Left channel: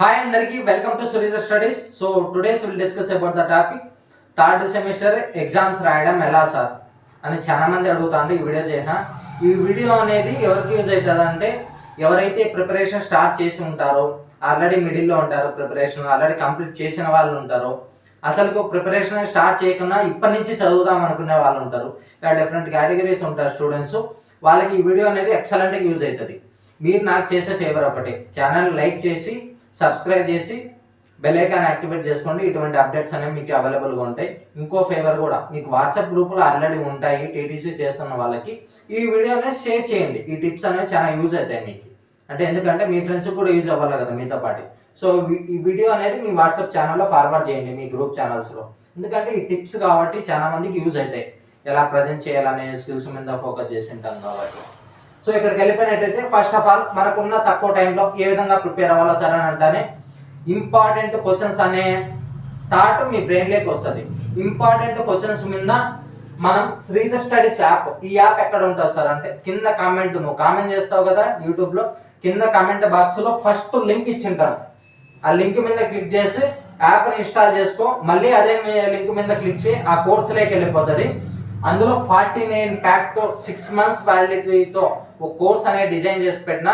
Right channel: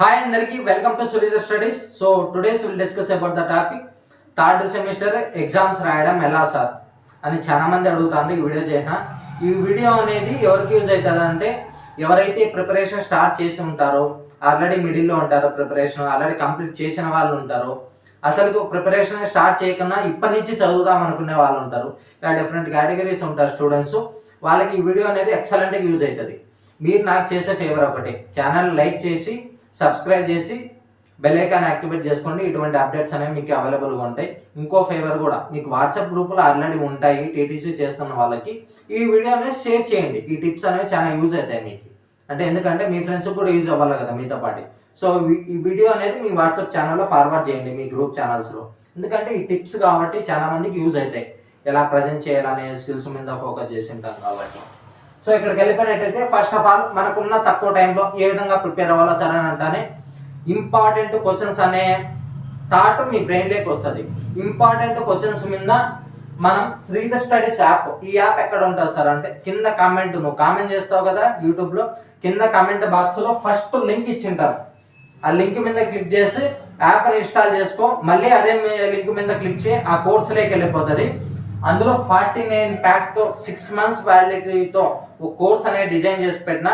Hi అందరికి welcome to Suridha studies. So todays will discuss about the topic third semester exams రాయడం ఎలా sir అని చాలా మంది అడుగుతారు. ఈ వీడియో చేసిన ఈ వీడియో అనేది ఎవరికి యూజ్ అవుతుంది అంటే ఎవరైతే ప్రిపరేషన్ స్టార్ట్ చేసి ఉంటారో, ఆల్రెడీ మిడిల్లో ఉంటారో, ప్రిపరేషన్ ఆల్రెడీ కంప్లీట్ చేసిన వాళ్ళు ఉంటారో, అసలు ప్రిపరేషన్ స్టార్ట్ చేయకుండా ఇప్పటి నుంచి చదువుదాం అనుకునే వాళ్ళు ఉంటారు. ఇలా డిఫరెంట్ కేటగిరీస్ ఉంటారు స్టూడెంట్స్. వాళ్ళకి ఈ వీడియో అనేది ఎక్సలెంట్గా యూజ్ అవుతుంది. మీరు నాకు చేసే ఫేవర్ ఒకటి, ఛానల్ లైక్ చేసి సబ్స్క్రైబ్ చేసి బెల్ ఐకాన్ యాక్టివేట్ చేసుకోండి. ఇటువంటి అప్డేట్స్ అనేవి మీకు అవైలబుల్గా ఉంటాయి. ఇంకో ఫేవర్ కూడా, మీకు వాట్సాప్ గ్రూపులో ఆల్రెడీ ఉంటాయి టీటీసీ చేస్తున్న వాళ్ళకి ఈ వీడియో అనేది షేర్ చేయండి. ఈ టిప్స్ అనేవి చాలా యూజ్ అవుతాయి మీకు. అంటే ఎందుకంటే మీ ఫ్రెండ్స్కి కూడా యూజ్ అవ్వాలి కదా మీతో పాటు. సో ఈ వీడియో అనేది మీ వాట్సాప్ ఛానల్లో ఫార్వర్డ్ చేయండి మీ గ్రూప్ ఛానల్స్లో. ఎందుకంటే ఈ టిప్స్ కాబట్టి చాలా మందికి యూజ్ అవుతాయి. ఎలా ప్రజెంట్ చేయాలనే స్కిల్స్ మీద ఫోకస్ చేసి ఉంటాం కాబట్టి. సో ఇక్కడికి వెళ్ళిపోయినట్టయితే ఫస్ట్ ఆఫ్ ఆల్ మనకున్న తక్కువ టైంలో ఏ విధంగా ప్రిపేర్ అవ్వాలో సరే అని అంటానే ఇంపార్టెంట్ క్వశ్చన్స్ అనే థాట్ మీ బ్రెయిన్లోకి వస్తుంది. ఇంపార్టెంట్ క్వశ్చన్స్ మీద మనం శ్రీధ స్టడీస్ యాప్, ఈ యాప్ ఎక్కడ ఉంటుంది సార్ అంటే కింద కామెంట్, నువ్వు కామెంట్ చేస్తావు కదా యూట్యూబ్లో, కింద కామెంట్ బాక్స్లో ఫస్ట్ లింక్ ఇచ్చింటాను. ఆ లింక్ మీద క్లిక్ చేసి యాప్ని ఇన్స్టాల్ చేసుకో. మళ్ళీ అదే లింక్ మీద క్లిక్ చేయి, ఆ కోర్సులోకి వెళ్ళిపోతుంది. అందులో 49 ప్యాక్తో 6 months వ్యాలిడిటీతో ఒక కోర్స్ అనేది డిజైన్ చేసి పెట్టిన.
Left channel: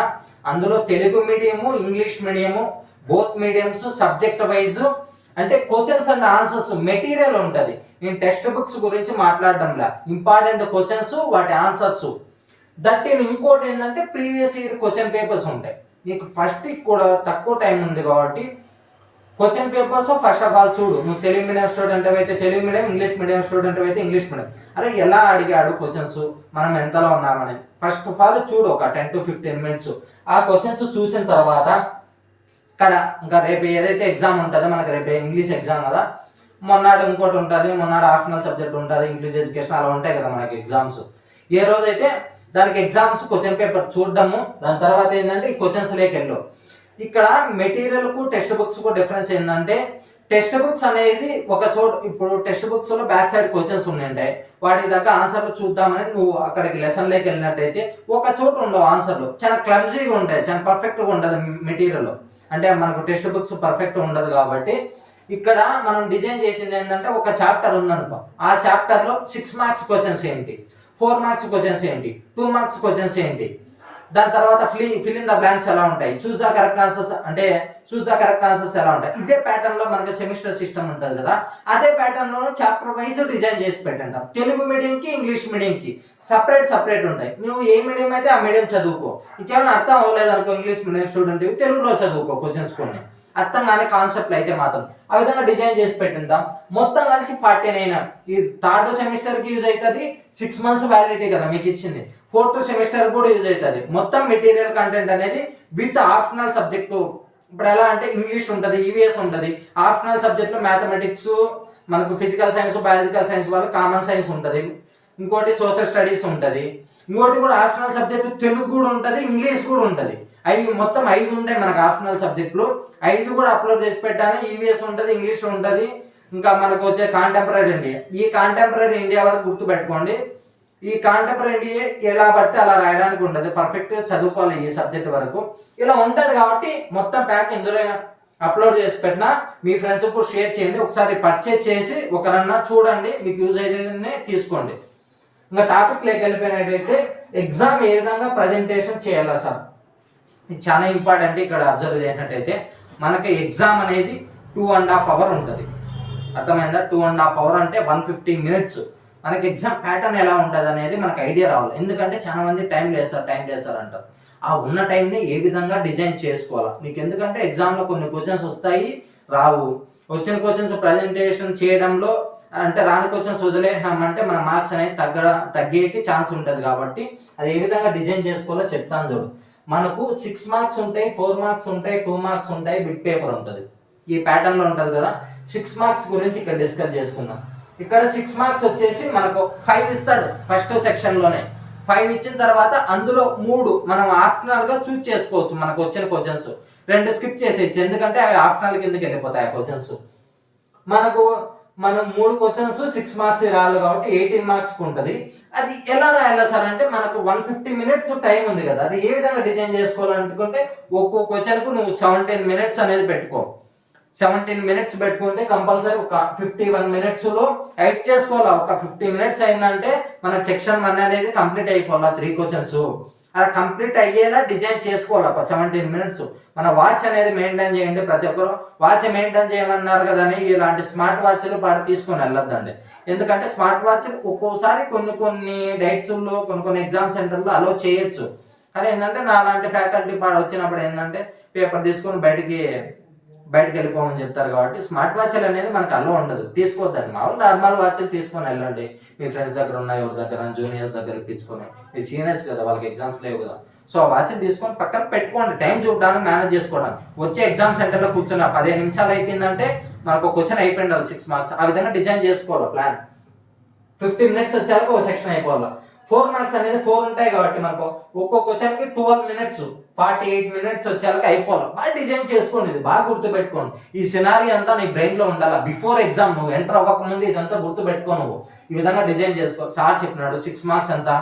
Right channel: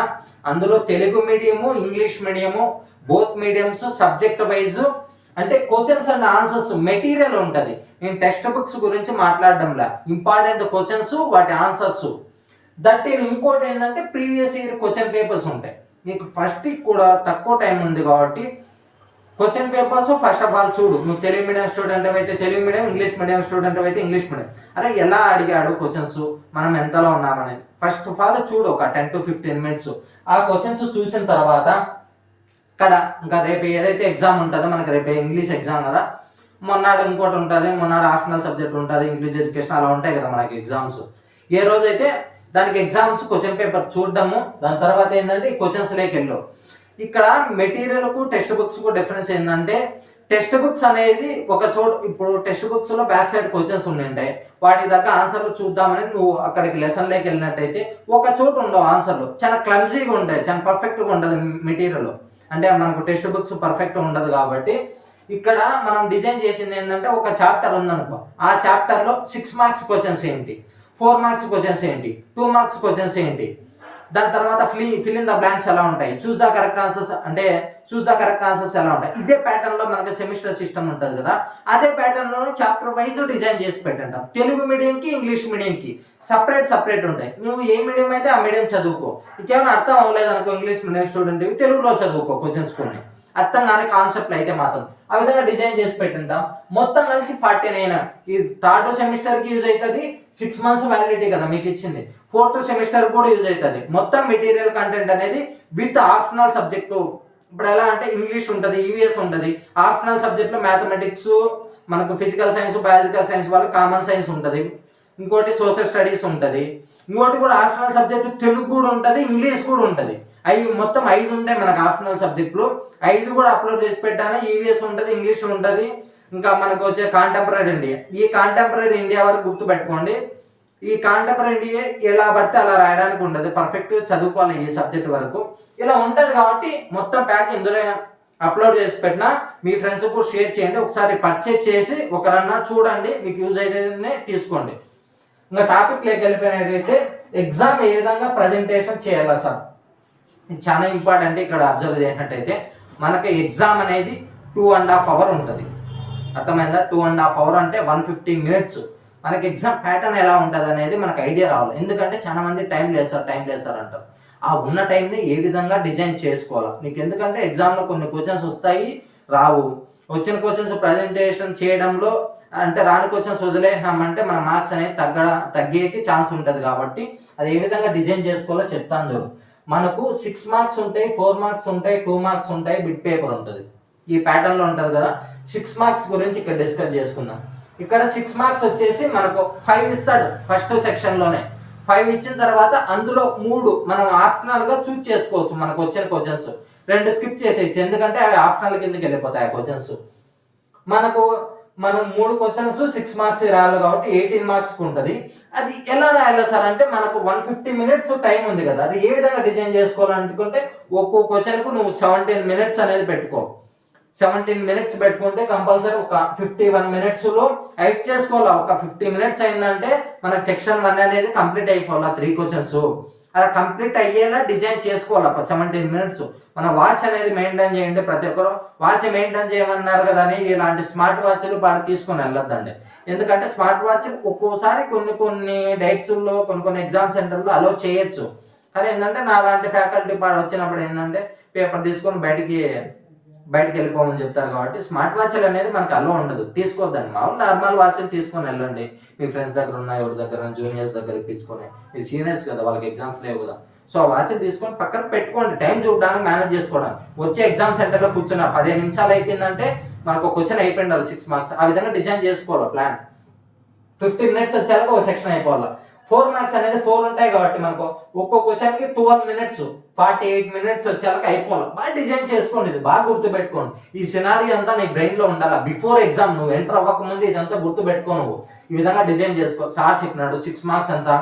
అందులో Telugu medium, English medium, both mediums, subject wise అంటే క్వశ్చన్స్ అండ్ ఆన్సర్స్ మెటీరియల్ ఉంటుంది. నేను టెక్స్ట్ బుక్స్ గురించి మాట్లాడడంలా, ఇంపార్టెంట్ క్వశ్చన్స్, వాటి ఆన్సర్స్. దట్ ఇంకోటి ఏంటంటే ప్రీవియస్ ఇయర్ క్వశ్చన్ పేపర్స్ ఉంటాయి. నీకు ఫస్ట్ కూడా తక్కువ టైం ఉంది కాబట్టి question papers first of all చూడు. నువ్వు తెలుగు మీడియం స్టూడెంట్ అయితే Telugu medium, English medium student అయితే ఇంగ్లీష్ మీడియం. అలా ఎలా అడిగాడు క్వశ్చన్స్, మనం ఎంతలో ఉన్నామని ఫస్ట్ ఆఫ్ ఆల్ చూడు. ఒక 10 to 15 minutes ఆ క్వశ్చన్స్ చూసిన తర్వాత ఇక్కడ ఇంకా రేపు ఏదైతే ఎగ్జామ్ ఉంటుందో, మనకి రేపు ఇంగ్లీష్ ఎగ్జామ్ కదా, మొన్నాడు ఇంకోటి ఉంటుంది, మొన్నాడు ఆప్షనల్ సబ్జెక్ట్ ఉంటుంది, ఇంగ్లీష్ ఎడ్యుకేషన్, అలా ఉంటాయి కదా మనకి ఎగ్జామ్స్. ఏ రోజైతే దానికి ఎగ్జామ్స్ క్వశ్చన్ పేపర్ చూడడము, దాని తర్వాత ఏంటంటే ఈ క్వశ్చన్స్లోకి వెళ్ళు. ఇక్కడ మెటీరియల్కు టెక్స్ట్ బుక్స్కు డిఫరెన్స్ ఏంటంటే, టెక్స్ట్ బుక్స్ అనేది ఒక చోట, ఇప్పుడు టెక్స్ట్ బుక్స్లో బ్యాక్ సైడ్ క్వశ్చన్స్ ఉంటాయి, వాటికి తగ్గ ఆన్సర్లు చూద్దామని నువ్వు అక్కడికి లెసన్లోకి వెళ్ళినట్టయితే ఒక చోట ఉండవు ఆన్సర్లు, చాలా క్లమ్జీగా ఉంటాయి, చాలా పర్ఫెక్ట్గా ఉండదు మెటీరియల్. అంటే మనకు టెక్స్ట్ బుక్స్ పర్ఫెక్ట్గా ఉండదు కాబట్టి ఇక్కడ మనం డిజైన్ చేసింది ఏంటంటే, ఒక చాప్టర్ ఉందనుకో, ఆ చాప్టర్లో 6 marks క్వశ్చన్స్ ఏంటి, 4 marks క్వశ్చన్స్ ఏంటి, 2 marks క్వశ్చన్స్ ఏంటి, దాని తర్వాత ఫిల్ ఇన్ ద బ్లాంక్స్ ఎలా ఉంటాయి, చూస్ ద కరెక్ట్ ఆన్సర్స్ ఎలా ఉంటాయి. ఇదే ప్యాటర్న్లో మనకి సెమిస్టర్ సిస్టమ్ ఉంటుంది కదా, అదే ప్యాటర్న్లో చాప్టర్ వైజ్ డిజైన్ చేసి పెట్టంటాం. తెలుగు మీడియంకి, ఇంగ్లీష్ మీడియంకి సపరేట్ ఉంటాయి. నువ్వు ఏ మీడియం అయితే ఆ మీడియం చదువుకో. ఇంకేమైనా అర్థం అవ్వలేదు అనుకో, ఇంగ్లీష్ మీడియం స్టూడెంట్ తెలుగులో చదువుకో క్వశ్చన్స్ కొన్ని, అర్థం కాని కాన్సెప్ట్లు అయితే మాత్రం ఆ విధంగా డిజైన్ చేసి పెట్టింటాం. మొత్తం కలిసి 49. ఈ థర్డ్ సెమిస్టర్కి యూజ్ అవుతుంది. 6 months వ్యాలిడిటీ కదా మీకు ఇచ్చింది. ఫోర్త్ సెమిస్టర్ కూడా యూజ్ అవుతుంది. మొత్తం మెటీరియల్ కంటెంట్ అనేది విత్ ఆప్షనల్ సబ్జెక్టు. ఇప్పుడు ఎలా అంటే ఇంగ్లీష్ ఉంటుంది, ఈవీఎస్ ఉంటుంది, ఆప్షనల్ సబ్జెక్ట్లో మ్యాథమెటిక్స్, మనకు ఫిజికల్ సైన్స్, బయాలజికల్ సైన్స్ వాళ్ళకి కామన్ సైన్స్ ఉంటుంది, ఇంకోటి సోషల్ స్టడీస్ ఉంటుంది, ఇంకోటి కూడా ఆప్షనల్ సబ్జెక్టు తెలుగు కూడా ఉంటుంది, ఇంగ్లీష్ కూడా ఉంటుంది. మొత్తం 5 ఉంటాయి మనకు ఆప్షనల్ సబ్జెక్టులు. 5 కూడా అప్లోడ్ చేసి పెట్టాను. ఈవీఎస్ ఉంటుంది, ఇంగ్లీష్ ఉంటుంది, ఇంకా మనకు వచ్చే కాంటెంపరీ ఇండియా. ఈ కాంటెంపరీ ఇండియా వరకు గుర్తుపెట్టుకోండి. ఈ కాంటెంపరీ ఇండియా ఎలా పడితే అలా రాయడానికి ఉంటుంది, పర్ఫెక్ట్గా చదువుకోవాలి ఈ సబ్జెక్ట్ వరకు. ఇలా ఉంటుంది కాబట్టి మొత్తం ప్యాక్ ఇందులో అప్లోడ్ చేసి పెట్టినా మీ ఫ్రెండ్స్కి కూడా షేర్ చేయండి. ఒకసారి పర్చేజ్ చేసి ఒకరన్నా చూడండి, మీకు యూజ్ అయితే తీసుకోండి. ఇంకా టాపిక్లోకి వెళ్ళిపోయినట్టయితే ఎగ్జామ్ ఏ విధంగా ప్రజెంటేషన్ చేయాలా సార్, ఇది చాలా ఇంపార్టెంట్. ఇక్కడ అబ్జర్వ్ చేసినట్టయితే మనకి ఎగ్జామ్ అనేది 2.5 hours ఉంటుంది. అర్థమైందా? 2.5 hours అంటే 150 minutes. మనకి ఎగ్జామ్ ప్యాటర్న్ ఎలా ఉంటుంది అనేది మనకు ఐడియా రావాలి. ఎందుకంటే చాలా మంది టైం లేదు సార్ అంటారు. ఆ ఉన్న టైంని ఏ విధంగా డిజైన్ చేసుకోవాలా నీకు. ఎందుకంటే ఎగ్జామ్లో కొన్ని క్వశ్చన్స్ వస్తాయి, రావు. వచ్చిన క్వశ్చన్స్ ప్రజెంటేషన్ చేయడంలో అంటే రాని క్వశ్చన్స్ వదిలేసామంటే మన మార్క్స్ అనేది తగ్గేకి ఛాన్స్ ఉంటుంది. కాబట్టి అది ఏ విధంగా డిజైన్ చేసుకోవాలో చెప్తాను చూడు. మనకు 6 marks ఉంటాయి, 4 marks ఉంటాయి, 2 marks ఉంటాయి, బిట్ పేపర్ ఉంటుంది. ఈ ప్యాటర్న్లో ఉంటుంది కదా. 6 marks గురించి ఇక్కడ డిస్కస్ చేసుకుందాం. ఇక్కడ 6 marks వచ్చేసి మనకు 5 ఇస్తాడు ఫస్ట్ సెక్షన్లోనే. 5 ఇచ్చిన తర్వాత అందులో 3 మనం ఆప్షనల్గా చూజ్ చేసుకోవచ్చు. మనకు వచ్చిన క్వశ్చన్స్ 2 స్కిప్ చేసేయచ్చు, ఎందుకంటే అవి ఆప్షనల్ కిందకి వెళ్ళిపోతాయి ఆ క్వశ్చన్స్. మనకు మనం 3 క్వశ్చన్స్ 6 మార్క్స్ రాయాలి కాబట్టి 18 మార్క్స్ ఉంటుంది. అది ఎలా రాయాలి సార్ అంటే మనకు 150 మినిట్స్ టైం ఉంది కదా, అది ఏ విధంగా డిజైన్ చేసుకోవాలనుకుంటే ఒక్కో క్వశ్చన్కు నువ్వు 17 మినిట్స్ అనేది పెట్టుకో. 17 మినిట్స్ పెట్టుకుంటే కంపల్సరీ ఒక 51 మినిట్స్లో ఎయిట్ చేసుకోవాలి. ఒక 50 మినిట్స్ అయిందంటే మనకు సెక్షన్ 1 అనేది కంప్లీట్ అయిపోవాలి 3 క్వశ్చన్స్. అలా కంప్లీట్ అయ్యేలా డిజైన్ చేసుకోవాలి 17 మినిట్స్. మన వాచ్ అనేది మెయింటైన్ చేయండి. ప్రతి ఒక్కరు వాచ్ మెయింటైన్ చేయమన్నారు కదా అని ఇలాంటి స్మార్ట్ వాచ్లు పాటు తీసుకొని వెళ్ళొద్దండి. ఎందుకంటే స్మార్ట్ వాచ్ ఒక్కోసారి కొన్ని డేట్స్లో కొన్ని ఎగ్జామ్ సెంటర్లో అలో చేయొచ్చు. కానీ ఏంటంటే నా లాంటి ఫ్యాకల్టీ పాడు వచ్చినప్పుడు ఏంటంటే పేపర్ తీసుకొని బయటికి వెళ్ళిపోమని చెప్తారు కాబట్టి స్మార్ట్ వాచ్లు అనేది మనకు అలో ఉండదు, తీసుకోవద్దండి. మామూలు నార్మల్ వాచ్లు తీసుకొని వెళ్ళండి. మీ ఫ్రెండ్స్ దగ్గర ఉన్న ఎవరి దగ్గర జూనియర్స్ దగ్గర తీసుకొని, మీ సీనియర్స్ కదా వాళ్ళకి ఎగ్జామ్స్ లేవు కదా, సో ఆ వాచ్లు తీసుకొని పక్కన పెట్టుకోండి. టైం చూడడానికి మేనేజ్ చేసుకోవడానికి. వచ్చే ఎగ్జామ్ సెంటర్లో కూర్చున్న 15 నిమిషాలు అయిపోయిందంటే మనకు ఒక క్వశ్చన్ అయిపోయిండాలి 6 మార్క్స్. ఆ విధంగా డిజైన్ చేసుకోవాలి ప్లాన్. 50 మినిట్స్ వచ్చాక ఒక సెక్షన్ అయిపోవాలి. 4 మార్క్స్ అనేది 4 ఉంటాయి కాబట్టి మనకు ఒక్కో క్వశ్చన్కి 12 మినిట్స్ 48 మినిట్స్ వచ్చేలాగా అయిపోవాలి. బాగా డిజైన్ చేసుకోండి, ఇది బాగా గుర్తుపెట్టుకోండి. ఈ సినారీ అంతా నీ బ్రెయిన్లో ఉండాలి. బిఫోర్ ఎగ్జామ్ నువ్వు ఎంటర్ అవ్వకముందు ఇదంతా గుర్తుపెట్టుకో. నువ్వు ఈ విధంగా డిజైన్ చేసుకో. సార్ చెప్పినాడు 6 మార్క్స్ అంతా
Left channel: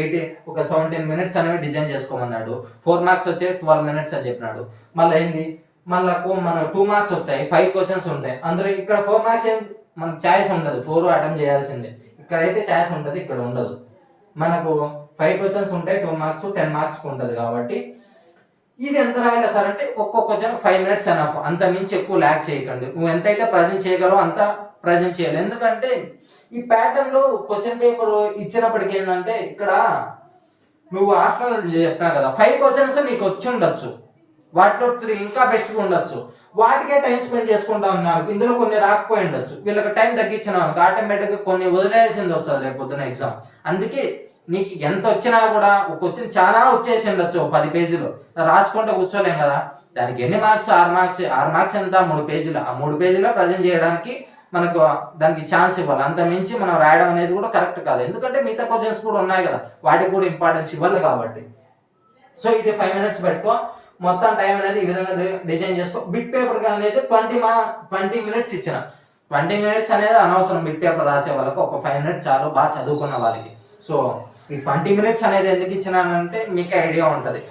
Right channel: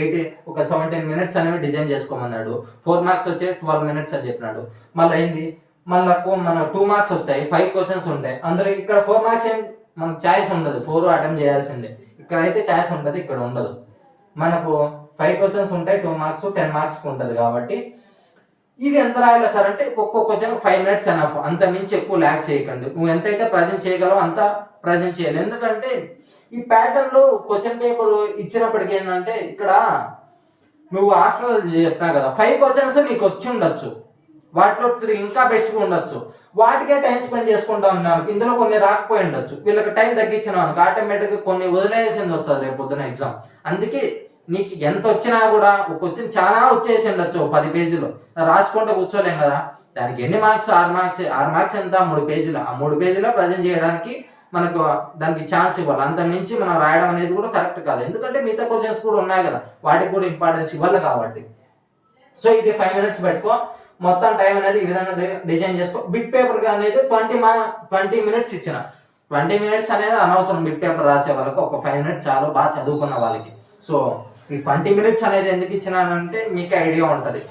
17 మినిట్స్ అనేవి డిజైన్ చేసుకోమన్నాడు. 4 మార్క్స్ వచ్చే 12 మినిట్స్ అని చెప్పినాడు. మళ్ళీ ఏంది, మళ్ళీ మన 2 మార్క్స్ వస్తాయి, 5 క్వశ్చన్స్ ఉంటాయి. అందులో ఇక్కడ 4 మార్క్స్ ఏం మనకు ఛాయిస్ ఉండదు, 4 అటెంప్ట్ చేయాల్సిందే. ఇక్కడైతే ఛాయిస్ ఉంటుంది, ఇక్కడ ఉండదు. మనకు 5 క్వశ్చన్స్ ఉంటాయి, 2 మార్క్స్ 10 మార్క్స్ ఉంటుంది. కాబట్టి ఇది ఎంత రాయాలి సార్ అంటే ఒక్కొక్క క్వశ్చన్ 5 మినిట్స్ ఎనఫ్. అంత మించి ఎక్కువ ల్యాక్ చేయకండి. నువ్వు ఎంతైతే ప్రజెంట్ చేయగలవో అంత ప్రజెంట్ చేయాలి. ఎందుకంటే ఈ ప్యాటర్న్లో క్వశ్చన్ పేపర్ ఇచ్చినప్పటికీ ఏంటంటే ఇక్కడ నువ్వు ఆప్షనల్ చెప్పినా కదా, 5 క్వశ్చన్స్ నీకు వచ్చి ఉండొచ్చు, వాటిలో 3 ఇంకా బెస్ట్గా ఉండొచ్చు. వాటికే టైం స్పెండ్ చేసుకుంటా ఉన్నాను. ఇందులో కొన్ని రాకపోయి ఉండొచ్చు, వీళ్ళకి టైం తగ్గించినాను ఆటోమేటిక్గా కొన్ని వదిలేయాల్సింది వస్తుంది రేపు పొద్దున ఎగ్జామ్. అందుకే నీకు ఎంత వచ్చినా కూడా ఒక క్వశ్చన్ చాలా వచ్చేసి ఉండొచ్చు 10 పేజీలు రాసుకుంటూ కూర్చోలేం కదా. దానికి ఎన్ని మార్క్స్, 6 మార్క్స్. 6 మార్క్స్ ఎంత, 3 పేజీలు. ఆ 3 పేజీలో ప్రజెంట్ చేయడానికి మనకు దానికి ఛాన్స్ ఇవ్వాలి. అంత మించి మనం రాయడం అనేది కూడా కరెక్ట్ కాదు. ఎందుకంటే మిగతా క్వశ్చన్స్ కూడా ఉన్నాయి కదా, వాటికి కూడా ఇంపార్టెన్స్ ఇవ్వాలి కాబట్టి. సో ఇది 5 మినిట్స్ పెట్టుకో. మొత్తం టైం అనేది ఈ విధంగా డిజైన్ చేసుకో. బిట్ పేపర్ అనేది 20 మినిట్స్ ఇచ్చిన. 20 మినిట్స్ అనేది అనవసరం. బిట్ పేపర్ రాసే వాళ్ళకి ఒక 5 మినిట్స్ చాలు, బాగా చదువుకున్న వాళ్ళకి. సో ఈ 20 మినిట్స్ అనేది ఎందుకు ఇచ్చినానంటే మీకు ఐడియా ఉంటుంది.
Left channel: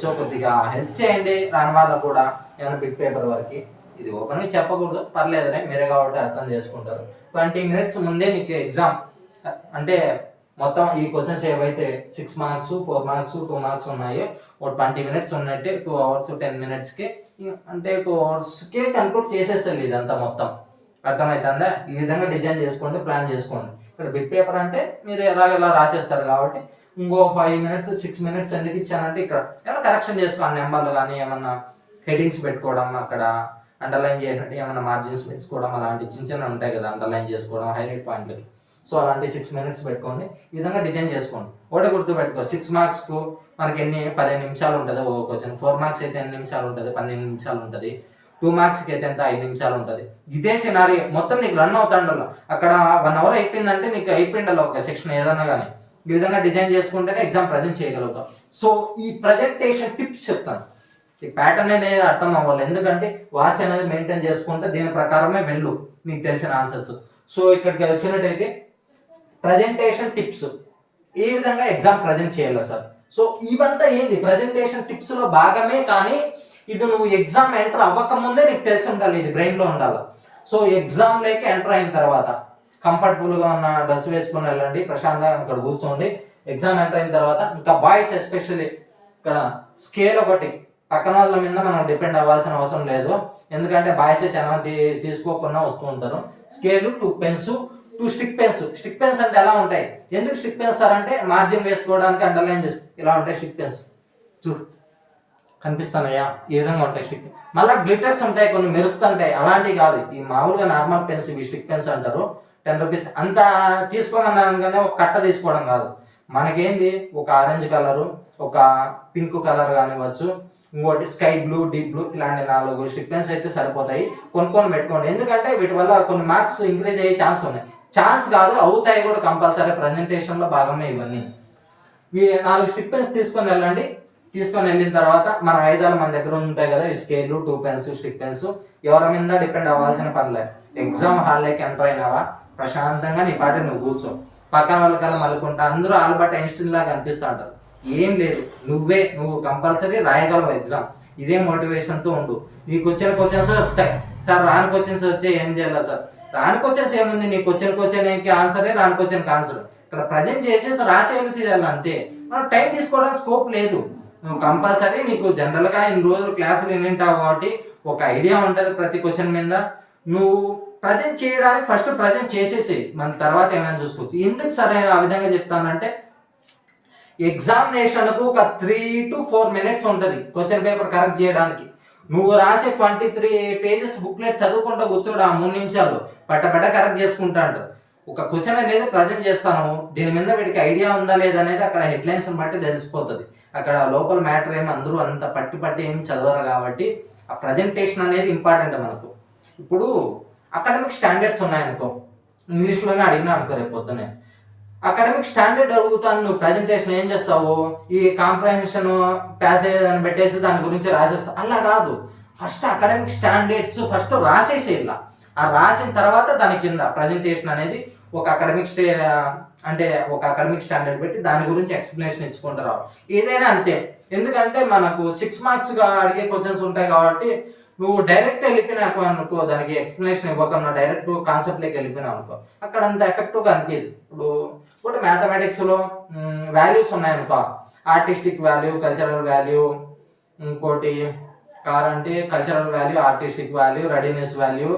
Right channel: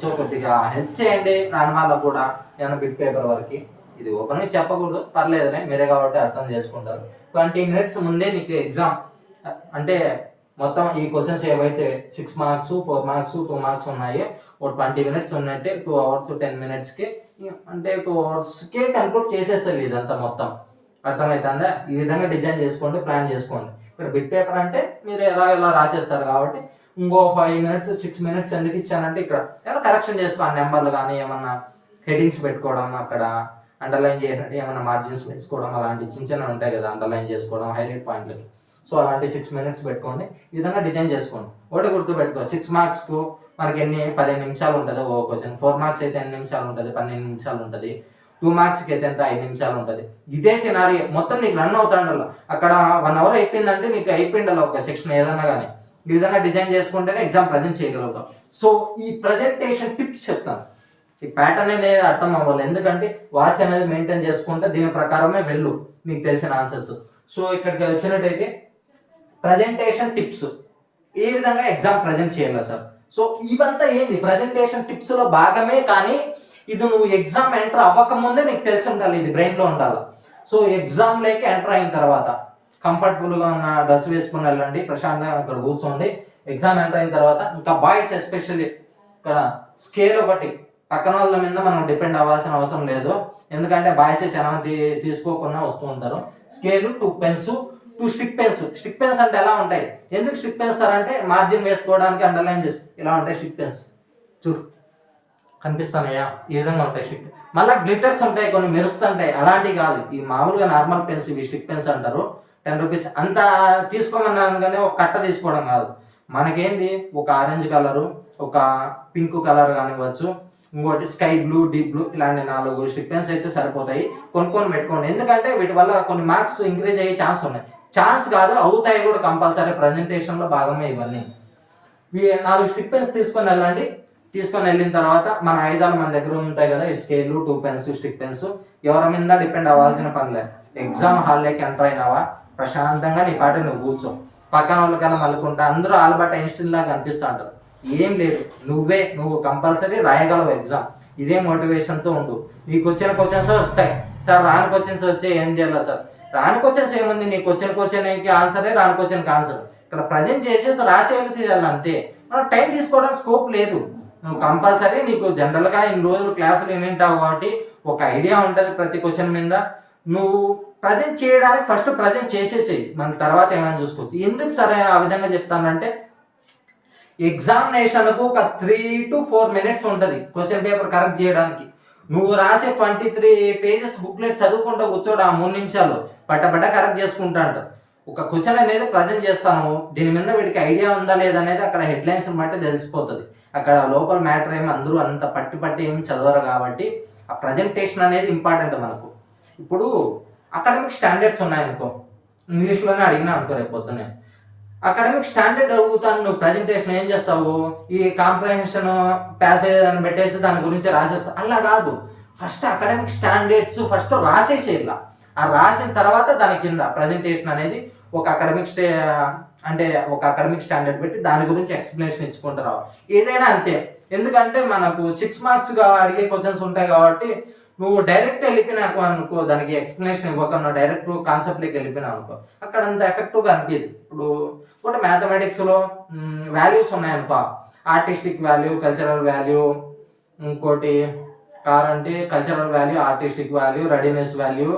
సో కొద్దిగా హెల్ప్ చేయండి రాని వాళ్ళకు కూడా ఏమైనా బిట్ పేపర్ వరకు. ఇది ఓపెన్గా చెప్పకూడదు, పర్లేదులే, మీరే కాబట్టి అర్థం చేసుకుంటారు. 20 మినిట్స్ ముందే నీకు ఎగ్జామ్ అంటే మొత్తం ఈ క్వశ్చన్స్ ఏవైతే 6 మార్క్స్ 4 మార్క్స్ 2 మార్క్స్ ఉన్నాయో ఒక 20 మినిట్స్ ఉన్నట్టే 2 అవర్స్ 10 మినిట్స్కి అంటే 2 అవర్స్కే కంక్లూడ్ చేసేస్తుంది ఇదంతా మొత్తం. అర్థమవుతుందా? ఈ విధంగా డిజైన్ చేసుకోండి, ప్లాన్ చేసుకోండి. ఇక్కడ బిట్ పేపర్ అంటే మీరు ఎలా రాసేస్తారు కాబట్టి ఇంకో 5 మినిట్స్ 6 మినిట్స్ ఎందుకు ఇచ్చానంటే ఇక్కడ ఏమైనా కరెక్షన్ చేసుకోండి. నెంబర్లు కానీ ఏమన్నా హెడ్డింగ్స్ పెట్టుకోవడం, అక్కడ అండర్లైన్ చేయడం, ఏమన్నా మార్జిన్స్ వేసుకోవడం, అలాంటి చిన్న ఉంటాయి కదా, అండర్లైన్ చేసుకోవడం హైలైట్ పాయింట్లకి. సో అలాంటి 6 మినిట్స్ పెట్టుకోండి. ఈ విధంగా డిజైన్ చేసుకోండి. ఒకటి గుర్తుపెట్టుకో, 6 మార్క్స్కు మనకి 15 నిమిషాలు ఉంటుంది ఓ క్వశ్చన్. 4 మార్క్స్ అయితే 8 నిమిషాలు ఉంటుంది, 12 నిమిషాలు ఉంటుంది. 2 మార్క్స్కి అయితే ఎంత 5 నిమిషాలు ఉంటుంది. ఇదే సినారీ మొత్తం నీకు రన్ అవుతాండాల. అక్కడ 1 అవర్ అయిపోయిందంటే నీకు అయిపోయిండాల ఒక సెక్షన్ ఏదన్నా కానీ. ఈ విధంగా డిజైన్ చేసుకుంటేనే ఎగ్జామ్ ప్రజెంట్ చేయగలుగుతాం. సో ఈ ప్రజెంటేషన్ టిప్స్ చెప్తాను. ఈ ప్యాటర్న్ అనేది అర్థం అవ్వాలి. ఎందుకంటే వాచ్ అనేది మెయింటైన్ చేసుకుంటే దీని ప్రకారమే వెళ్ళు నీకు తెలిసిన ఆన్సర్స్. సో ఇక్కడికి వచ్చినట్టయితే ప్రజెంటేషన్ టిప్స్ ఏ విధంగా ఎగ్జామ్ ప్రజెంట్ చేయాలి సార్. సో ఇవంతా ఏంది ప్రజెంటేషన్ టిప్స్లో భాగమే, కానీ ఇది నువ్వు ఎగ్జామ్ ఎంటర్ అవ్వకముందే నీకు తెలిసి ఉండాలి, ఇది బ్రెయిన్లో ఉండాలి. సో ఎగ్జామ్లోకి ఎంటర్ అయిన తర్వాత కంఫర్టబుల్గా ఉన్న డ్రెస్ వేసుకుని వెళ్ళండి, ప్రశాంతంగా అక్కడ కూర్చోండి. ఎగ్జామ్ ఎంటర్ అయిన తర్వాత ఇంకా బాయ్స్ ఎస్పెషల్లీ ఇక్కడ స్కేల్ ఒకటి పక్కన వాళ్ళ మీద మనం డిపెండ్ అవ్వాల్సిన అవసరం లేదు. ఎందుకంటే బాయ్స్ చాలా మంది తీసుకోకుండా వస్తూ ఉంటారు. Scale 2 pens 2 stick pens. Stick pens అంటే ఎలా ఉంటాయి, ఎందుకు స్టిక్ పెన్స్ సార్ అంటే మార్జిన్ వేసుకోవడానికి, అండర్లైన్ చేసి ఇలా ఉంటాయి స్టిక్ పెన్స్. చూడు కనిపిస్తున్నాయా, ఈ విధంగా ఉంటాయి స్టిక్. మళ్ళీ గ్లిటర్స్ ఉంటాయి, కొన్ని మెరుస్తుంటాయి, అలాంటివి కాదు. ఈ మామూలుగా నార్మల్ పెన్స్, ఇవి స్టిక్ పెన్స్ అంటారు. 10 రూపీస్ అంత తీసుకోమన్నాను, కానీ ఒక కట్ట తీసుకోవడం కాదు. మనకేంది ఒక ఆరెంజ్ కలరు, ఒక పింక్ కలర్ కానివ్వచ్చు, ఇంకోటి స్కై బ్లూ, డీప్ బ్లూ, ఇలాంటి 4 స్టిక్ పెన్స్ అయితే సరిపోతాయి. కొనుక్కొని పెట్టుకోండి. ఎందుకంటే వీటి వల్ల కొన్ని మార్క్స్ ఇంక్రీజ్ అయ్యే ఛాన్స్ ఉన్నాయి. ఛాన్స్ కాదు, అవుతాయి కూడా కంపల్సరీ. ప్రజెంటేషన్లో భాగమే ఇవన్నీ. 4 స్టిక్ పెన్స్ తీసుకొని వెళ్ళండి. తీసుకొని వెళ్ళిన తర్వాత మన ఆయుధాలు మన దగ్గర ఉంటాయి కదా, ఈ స్కేలు 2 పెన్స్ స్టిక్ పెన్స్. ఎవరి మీద డిపెండ్ అవ్వాల్సిన పనిలే. ఎగ్జామ్ హాల్లోకి ఎంటర్ అయినావా, ప్రశాంతంగా నీ పాట నువ్వు కూర్చో, పక్కన వాళ్ళకన్నా మలుకుంటా అందరూ ఆల్బర్ట్ ఐన్స్టీన్ లాగా కనిపిస్తూ ఉంటారు. ఏం లేదు, నువ్వు కంపల్సరీ రాయగలవు ఎగ్జామ్. ఇదే మోటివేషన్తో ఉండు. నీకు వచ్చిన క్వశ్చన్స్ వస్తాయి సార్, రాని క్వశ్చన్స్ వచ్చే ఏం చేయాలి సార్, రాని క్వశ్చన్స్ ఏముంది, నీకు వచ్చిన క్వశ్చన్కి ఆన్సరే, రాని క్వశ్చన్కి ఆన్సర్. ఇక్కడ ప్రజెంట్ చేసేసి రాసేయాల్సి చేయాలి అంతే. మనం టైం తీసుకోవడానికి స్కోప్ లేదు. నువ్వు కంపల్సరీ నీకు జనరల్గా ఇన్ని రోజులు క్లాసులు వింటావు కాబట్టి ఒక ఐడియా ఉంటుంది ప్రతి క్వశ్చన్ మీద. నువ్వు ప్రజెంట్ చేయడానికి ఫస్ట్ ప్రజెంట్ చేసేసేయి, మన తర్వాత ఏమైనా చూసుకోవచ్చు. ఎందుకు సరే ఆ విధంగా చెప్తానంటే, ఎగ్జామినేషన్కు ఒక 3 to 4 minutes ఉంటుంది క్వశ్చన్ పేపర్ కరెక్ట్ చేయడానికి. నువ్వు రాసే 23 pages బుక్లెట్ చదువుకుంటూ కూర్చోడు, ఆ 3 నిమిషాలు పట్టపట్ట కరెక్ట్ చేసుకుంటా అంటావు. ఒక క్వశ్చన్ అనేది ప్రజెంట్ చేస్తాను, దీని మీద వీడికి ఐడియా ఉందా లేదా అనేది అక్కడ హెడ్లైన్స్ని బట్టి తెలిసిపోతుంది. అక్కడ లోపల మ్యాటర్ ఏమి అందరూ అంత పట్టి ఏమి చదవరు కాబట్టి ఆ ప్రజెంటేషన్ అనేది ఇంపార్టెంట్ మనకు. ఇప్పుడు అకాడమిక్ స్టాండర్డ్స్ ఉన్నాయనుకో, ఇంగ్లీష్లోనే అడిగినా అనుకో రేపు పొద్దునే, అకాడమిక్ స్టాండర్డ్ అడుగుతాను, నువ్వు ప్రజెంటేషన్ ఏం చేస్తావు, ఈ కాంప్రహెన్షన్ ప్యాసేజ్ అని పెట్టేసి దాని గురించి రాసేస్తావు. అలా కాదు, ఫస్ట్ అకాడమిక్ స్టాండర్డ్స్ ఫస్ట్ రాసేసేలా. ఆ రాసిన తర్వాత దాని కింద ప్రజెంటేషన్ అనేది ఒక అకాడమిక్ స్టాండర్డ్ పెట్టి దాని గురించి ఎక్స్ప్లెనేషన్ ఇచ్చుకుంటూ రావు. ఏదైనా అంతే, ఎందుకంటే మనకు 6 మార్క్స్గా అడిగే క్వశ్చన్స్ ఉంటాయి కాబట్టి నువ్వు డైరెక్ట్ వెళ్ళిపోయినాకు అనుకో, దానికి ఎక్స్ప్లెనేషన్ ఇవ్వకుండా డైరెక్ట్ కాన్సెప్ట్లోకి వెళ్ళిపోయినావు అనుకో, అక్కడ అంత ఎఫెక్టివ్గా అనిపించదు. ఇప్పుడు ఒకటి మ్యాథమెటిక్స్లో వాల్యూస్ ఉన్నాయనుకో, ఆర్టిస్టిక్ వాల్యూ, కల్చరల్ వాల్యూ, ఇంకోటి అంటే cultural value, artistic value, readiness value,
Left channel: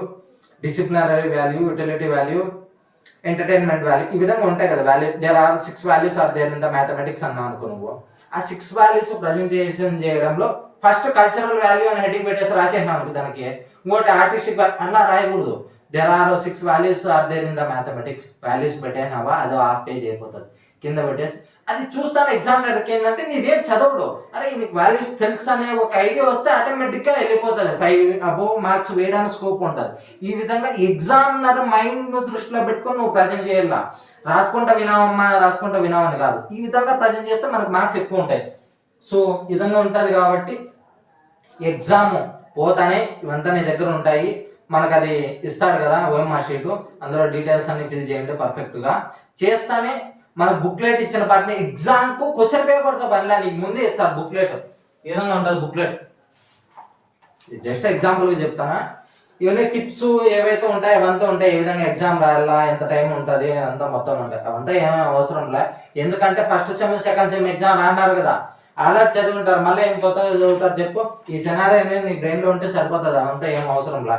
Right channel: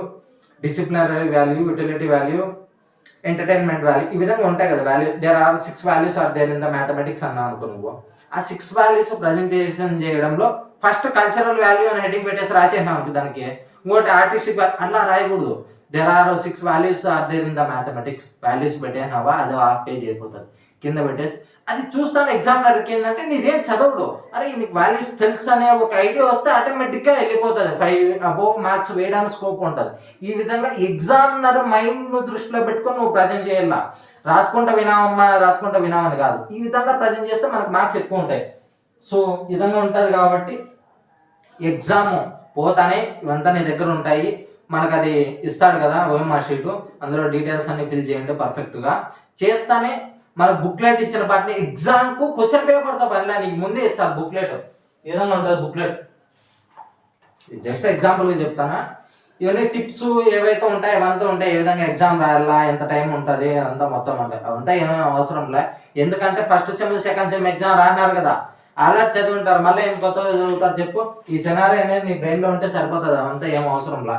disciplinary value, utility value, entertainment value, ఈ విధంగా ఉంటాయి కదా value. There are 6 values are there in the mathematics అన్నావు అనుకో. నువ్వు ఆ 6 values ప్రజెంటేషన్ చేయడంలో ఫస్ట్ కల్చరల్ వాల్యూ అని హెడ్డింగ్ పెట్టేసి రాసేసినావు అనుకో, దానికి ఇంకోటి ఆర్టిస్టిక్ అట్లా రాయకూడదు. There are 6 values are there in the mathematics, values పెట్టేనావా అది హాఫ్ పేజ్ అయిపోతుంది. కింద పెట్టేసి అది చూస్తాను ఎగ్జామినర్కి ఏంటంటే నీదేం చదవడు, అరే నీకు వాల్యూస్ తెలుసు అనే ఒక ఐడియా వస్తే ఆటోమేటిక్గా వెళ్ళిపోతుంది, 5 above మార్క్స్ వేయడానికి స్కోప్ ఉంటుంది. ఈ విధంగా ఎగ్జామినర్ మైండ్ను దృష్టిలో పెట్టుకొని నువ్వు ప్రజెంట్ చేయాల. రాసుకుంటా వినామని కాదు, ఈ విధంగా ప్రజెంట్ చేస్తే మనకు మార్క్స్ ఎక్కువ ఉంటాయి. సో ఈ విధంగా ఉంటుంది కాబట్టి ఎగ్జామ్ పోతానే ఇవంతా నీ దగ్గర ఉంటాయి. మనకు అది ఇస్తాడు కదా ఓఎంఆర్ షీటు, అందులో డీటెయిల్స్ అన్ని ఫిల్ చేయండి పర్ఫెక్ట్గా చేస్తానే. మన బుక్లెట్ ఇచ్చిన పాటని ఎగ్జామ్కు క్వశ్చన్ పేపర్తో పనిలే, నీకు ముందే ఇస్తారు బుక్లెట్. ఈ విధంగా ఉంటుంది బుక్లెట్. జస్ట్ ఎగ్జాంపుల్గా చెప్తానా, ఇవన్నీ టిప్స్ ఏవైతే ఉంటాయి అవంతా ఉంటాయి. ఏ విధంగా ఎగ్జామ్ రాయాలా, ఎంత టైం ఉంటుంది, అంతా మొత్తం ఉంటాయి. అవంతా ఏమేమి అవసరం లే, ఎందుకంటే first sem second sem exam రాన్నారు కదా, అలర్ట్ చదువుంటారు, మళ్ళీ ఏం కొత్తగా చదువుతారు చెప్పు. ఈ సినారీ అనేది నీ బ్రెయిన్లో ఉంటే సరిపోతుంది, అవంతా ఏం అవసరం లే.